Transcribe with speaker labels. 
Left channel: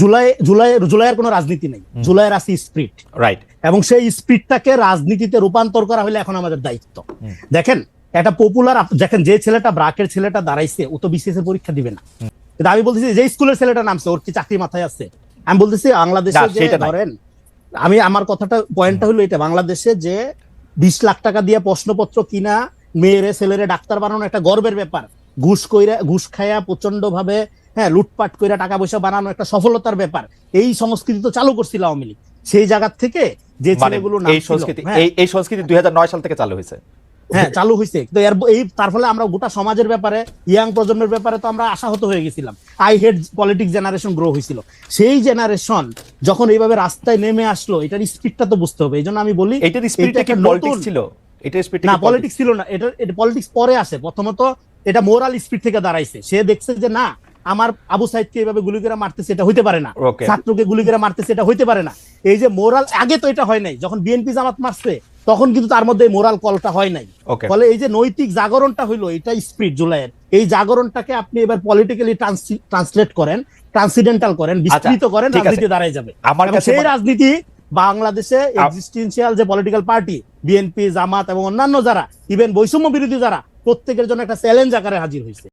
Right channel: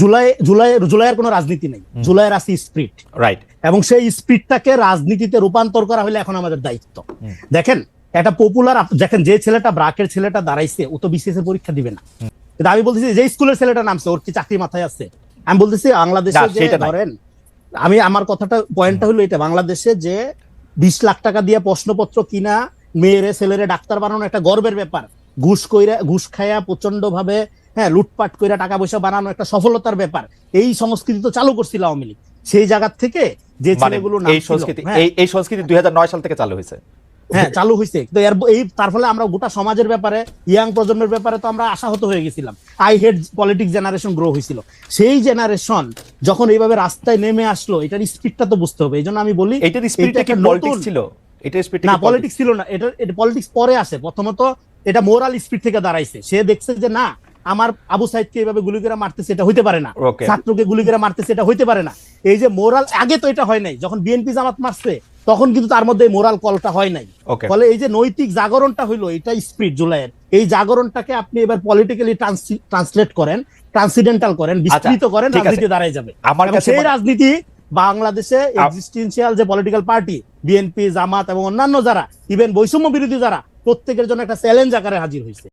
Speaker 1: জুলাই জুলাই জুলাইয়ের কোনো রাজনীতি নেই। জুলাইয়ের আছে স্প্রিট
Speaker 2: রাইট
Speaker 1: এবং সেই স্পিডটাকে রাজনীতিতে রূপান্তর করা হলে এখন আমাদের দায়িত্ব। দেখেন একটা পপুলার দেখেন যে ছেলেটা ব্রাকের ছেলেটা দাঁড়াইছে ও তো বিসিএস এর পরীক্ষা দিবে না। কিন্তু আমি বলতেছি যে স্কুলের ছেলেটা নামছে ওর কি চাকরি মাথায় আছে? আমি বলতেছি বাংলাদেশে যে ধরেন আমি আমার কথাটা পয়েন্টটা হলো এটা বাংলাদেশে যে বিশ লাখ টাকা দিয়ে প্রশ্নপত্র কিনা মেয়েরে ছেলেরে ডাক্তার বানানো একটা গর্বের ব্যাপার। ঘুষ কইরা ঘুষ খায়া প্রচণ্ড ভাবে হ্যাঁ লুটপাট কইরা টাকা পয়সা বানানো একটা সফলতার ব্যাপার। এই সংস্কৃতি তো চালু করছিল আওয়ামী লীগ। সেই জায়গা থেকে যে
Speaker 2: মানে
Speaker 1: ছেলেগুলো
Speaker 2: এই সংস্কৃতি
Speaker 1: হ্যাঁ,
Speaker 2: এই এই সংস্কৃতি দুই সাল থেকে চালু হয়েছে।
Speaker 1: হ্যাঁ চালু হয়েছে তো এর এই তার ফলে আমরা গোটা সমাজের ব্যাপারে ইয়াং প্রজন্মের ব্যাপারে তো আমরা আশাহত হয়ে গেছিলাম। I hate politics generation grow হয়েছিল সেই জেনারেশন যখন এইভাবে রাস্তায় নেমে আসলো এটার স্পিডটা তো বুঝতে হবে। এই জন্য আমি বলি
Speaker 3: এইটার স্পিরিট
Speaker 1: এটা
Speaker 3: কি পলিটিক্স ছিল? এটা স্পিরিট
Speaker 1: না পলিটিক্স ছিল না। এটা এটা পলিটিক্স পরে আছে। প্রথমত এটা মোরাল স্পিড থেকে দাঁড়াইছে। সে দেখছে যে না আমার আবু সাইদকে এভাবে গুলি করে মারতে সেটা হইতে পারে না। ছাত্রকে গুলি করে মারতে সেটা হইতে পারে না। এই যে মোরাল ছাত্র তো এটা যখন বিএনপি জামাত মারছে তখন কিন্তু তার মধ্যে মোরাল পরীক্ষা হয়নি এই যে নৈতিক জাগরণটা হলো এটা স্পিড এই জাগরণটাকে আপনি এবার পলিটিক্যালি ট্রান্সলেট করেন ট্রান্সিডেন্টাল করেন বিস্তৃত করেন রাজনীতি দাঁড়ায় যাবে।
Speaker 2: আমার কাছে
Speaker 1: সেই রাজনীতি বাংলাদেশে এক্সিস্টেন্সিয়াল যে পলিটিক্যাল পার্টি বিএনপি জামাত এবং অন্যান্য যারা ইভেন বৈষম্য বিরোধী যারা প্রত্যেকের জন্য একটা চ্যালেঞ্জ আকারে হাজির হয়েছে।